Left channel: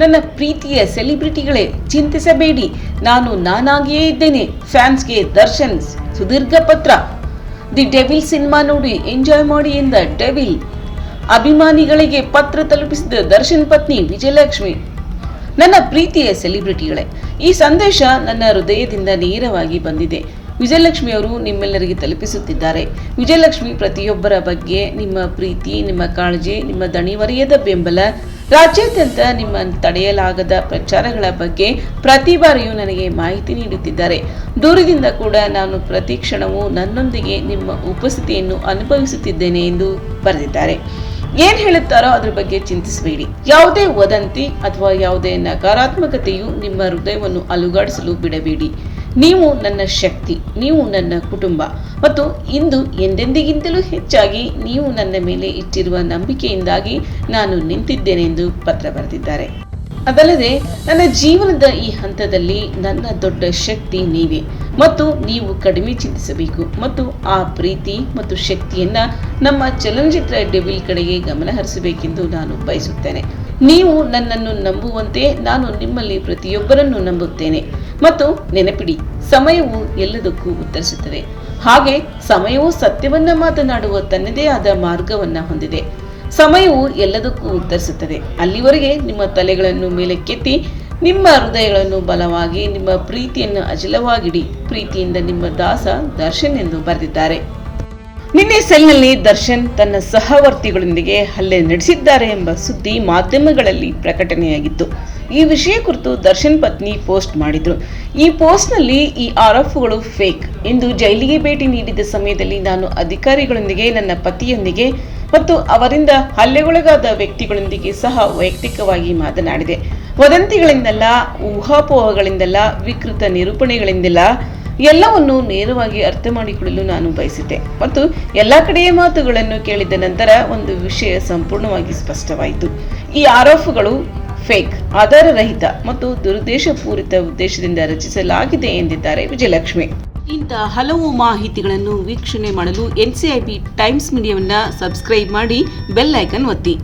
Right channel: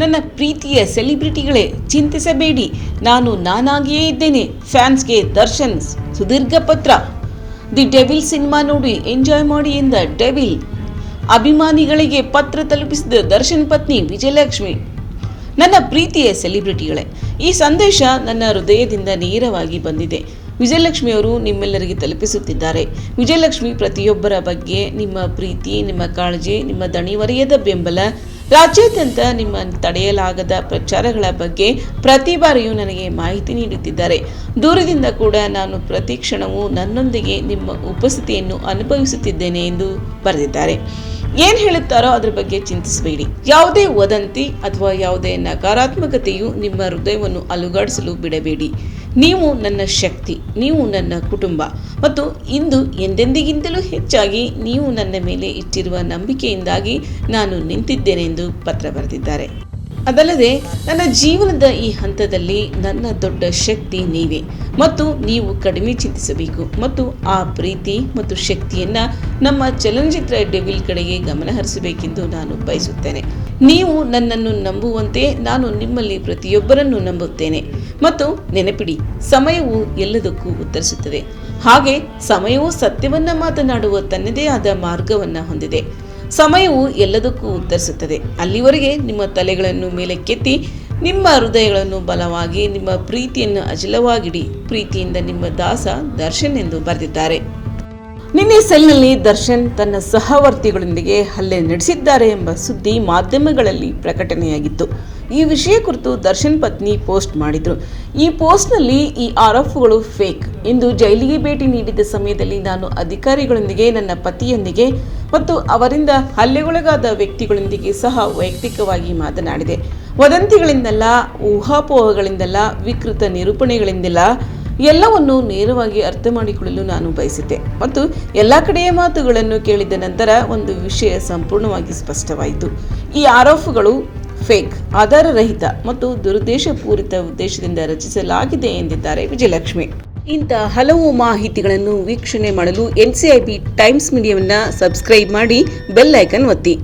ನನ್ನ ಪ್ರೀತಿಯ ಸೆಲೆಬ್ರಿಟಿಗಳೇ, ಚಿಂತಿಸಬೇಡಿ, ನಾನು ನಾನಾಗಿಯೇ ಇದ್ದೇನೆ. ಫ್ಯಾನ್ಸ್ಗೆ ದರ್ಶನ್ ಸುದೀರ್ಘ ಪತ್ರ. ದಿ ಡೆವಿಲ್ ಸಿನಿಮಾ ನೋಡಿ ಎಂಜಾಯ್ ಮಾಡಿ ಎಂದ ಡೆವಿಲ್. ಅಭಿಮಾನಿಗಳಿಗೆ ಪತ್ರ ತಲುಪಿಸಿದ ದರ್ಶನ್ ಪತ್ನಿ ವಿಜಯಲಕ್ಷ್ಮಿ. ನನ್ನ ಪ್ರೀತಿಯ ಸೆಲೆಬ್ರಿಟಿಗಳೇ, ಈ ಸಂದೇಶ ನನ್ನ ಹೃದಯದಿಂದ ನೇರವಾಗಿ ಬಂದಿದೆ. ವಿಜಯಲಕ್ಷ್ಮಿ ಅವರು ನಿಮ್ಮೆಲ್ಲರಿಗೆ ತಲುಪಿಸುತ್ತಿದ್ದಾರೆ. ವಿಜಯಲಕ್ಷ್ಮಿ ಪ್ರತಿಯೊಬ್ಬರ ಬಗ್ಗೆ ನಿಮ್ಮ ಪ್ರೀತಿ, ನಿಮ್ಮ ಕಾಳಜಿ, ನಿಮ್ಮ ದಣಿವರಿಯದ ಬೆಂಬಲ, ರಾಜ್ಯಾದ್ಯಂತ ನಿಮ್ಮ ತಡೆಯಲಾಗದ ಪ್ರಚಾರಗಳ ಬಗ್ಗೆ ಪ್ರತಿ ಬಾರಿಯೂ ನನಗೆ ಮಾಹಿತಿ ನೀಡುತ್ತಿದ್ದಾರೆ. ದೂರದಿಂದ ಕೂಡ ನಾನು ಪ್ರತಿ ಕ್ಷಣವೂ ನನ್ನೊಂದಿಗೆ ನಿಮ್ಮ ಉಪಸ್ಥಿತಿಯನ್ನು ಅನುಭವಿಸುತ್ತಿದ್ದೇನೆ ಎಂದು ಬರೆದಿದ್ದಾರೆ. ಏನ್ ಹೇಳುತ್ತಾರೋ ಅದ್ರ ಬಗ್ಗೆ ಚಿಂತಿಸಬೇಡಿ. ಯಾವುದೇ ವದಂತಿ ಅಥವಾ ಯಾವುದೇ ನಕಾರಾತ್ಮಕತೆಯು ನಿಮ್ಮ ಹೃದಯವನ್ನು ಅಲುಗಾಡಿಸಲು ಬಿಡಬೇಡಿ. ನೀವು ನನ್ನ ಶಕ್ತಿ, ನೀವು ನನ್ನ ಕುಟುಂಬ, ಮತ್ತು ಇಂದು ಎಂದೆಂದಿಗಿಂತಲೂ ಹೆಚ್ಚಾಗಿ ನೀವು ನನ್ನ ಮೇಲೆ ಇಟ್ಟಿರುವ ನಂಬಿಕೆಯಿಂದಾಗಿ ನಾನು ನಿಂತಿದ್ದೇನೆ ಎಂದು ಪತ್ರ ಬರೆದಿದ್ದಾರೆ. ಅದಲ್ಲದೆ ನನ್ನ ಜೀವನದ ಈ ಹಂತದಲ್ಲಿ ನನ್ನ ದೊಡ್ಡ ಶಕ್ತಿ ನೀವೇ, ಮತ್ತು ನೀವು ಕಡಿಮೆ ಚಿಂತಿಸಬೇಕು ಮತ್ತು ಆ ಪ್ರೀತಿ ಮತ್ತು ಶಕ್ತಿಯನ್ನ ನಮ್ಮ ಚಲನಚಿತ್ರ ಡೆವಿಲ್ ಕಡೆಗೆ ಗಮನ ಹರಿಸಬೇಕೆಂದು ನಾನು ಬಯಸುತ್ತೇನೆ. ನೀವು ನನ್ನನ್ನು ನಂಬುವಂತೆ ನಾನು ನಿಮ್ಮಲ್ಲಿ ಪ್ರತಿಯೊಬ್ಬರನ್ನು ನಂಬುತ್ತೇನೆ. ಮತ್ತು ನೆನಪಿಡಿ, ಸಮಯವು ಎಲ್ಲದಕ್ಕೂ ಉತ್ತರಿಸುತ್ತದೆ. ಹಾಗೆ ಸಮಯವು ಸತ್ಯವನ್ನ ಮಾತನಾಡುವ ತನ್ನದೇ ಆದ ಮಾರ್ಗವನ್ನ ಹೊಂದಿದೆ. ಸಮಯವು ಎಲ್ಲದಕ್ಕೂ ಉತ್ತರಿಸುತ್ತದೆ. ಅಲ್ಲಿವರೆಗೆ ನಿಮ್ಮ ತಲೆಗಳನ್ನು ಮೇಲಕ್ಕೆತ್ತಿ ನಿಮ್ಮ ಹೃದಯಗಳನ್ನು ಬಲವಾಗಿ, ನಿಮ್ಮ ಪ್ರೀತಿಯನ್ನು ಅಚಲವಾಗಿಡಿ. ಪ್ರೀತಿಯಿಂದ ನಿಮ್ಮ ದಾಸ ದರ್ಶನ್ ಎಂದು ಬರೆದಿದ್ದಾರೆ. ನಿನ್ನೆ ಸೆಲ್ನಲ್ಲಿ ದರ್ಶನ್ ತನ್ನ ಸಹವರ್ತಿಗಳೊಂದಿಗೆ ಹಲ್ಲೆ ನಡೆಸಿದ್ದಾರೆ ಎಂಬ ಸುದ್ದಿ ಮಾಧ್ಯಮಗಳಲ್ಲಿ ಪ್ರಕಟಣೆಯಾಗಿತ್ತು. ಈ ವಿಷಯ ಕುರಿತು ದರ್ಶನ್ ಪತ್ನಿ ಪೋಸ್ಟ್ ಮಾಡಿದ್ರು. ಈ ಪೋಸ್ಟ್ನಲ್ಲಿ ಈ ಆರೋಪಗಳು ಫೇಕ್ ಎಂದು ಜೈಲಿಗೆ ಭೇಟಿ ನೀಡಿದ ಸಮಯದಲ್ಲಿ ನಾನು ಅಧಿಕಾರಿಗಳೊಂದಿಗೆ, ನನ್ನ ಪತಿಯೊಂದಿಗೆ ಮತ್ತು ಅವರಿಂದ ಹಲ್ಲೆಗೊಳಗಾದ ವ್ಯಕ್ತಿಗಳೊಂದಿಗೆ ಸಹ ವೈಯಕ್ತಿಕವಾಗಿ ಮಾತನಾಡಿದೆ. ವದಂತಿಗಳಿಂದಲ್ಲ, ಊಹಾಪೋಹಗಳಿಂದಲ್ಲ, ವಿಕೃತ ನಿರೂಪಣೆಗಳಿಂದಲ್ಲ, ಎಲ್ಲವನ್ನು ನೇರವಾಗಿ ಅರ್ಥ ಮಾಡಿಕೊಳ್ಳಲು ನಾನು ಬಯಸಿದ್ದೆ. ಮತ್ತು ಎಲ್ಲ ಕಡೆಯ ಮಾತುಗಳನ್ನು ಕೇಳಿದ ನಂತರ ಒಂದು ವಿಷಯ ಸಂಪೂರ್ಣವಾಗಿ ಸ್ಪಷ್ಟವಾಯಿತು. ಈ ಆರೋಪಗಳು ಫೇಕ್, ಆಧಾರರಹಿತ ಮತ್ತು ದುರುದ್ದೇಶಪೂರಿತ ಉದ್ದೇಶದಿಂದ ರಚಿಸಲಾಗಿದೆ ಎಂದಿದ್ದಾರೆ ವಿಜಯಲಕ್ಷ್ಮಿ. ಇಂಥ ಹಲವು ಮಾಹಿತಿಗಳನ್ನು ವೀಕ್ಷಣೆ ಮಾಡಲು NCIB ಟೈಮ್ಸ್ ಮೀಡಿಯಾವನ್ನು ಸಬ್ಸ್ಕ್ರೈಬ್ ಮಾಡಿ, ಬೆಲ್ ಐಕನ್ ಒತ್ತಿ.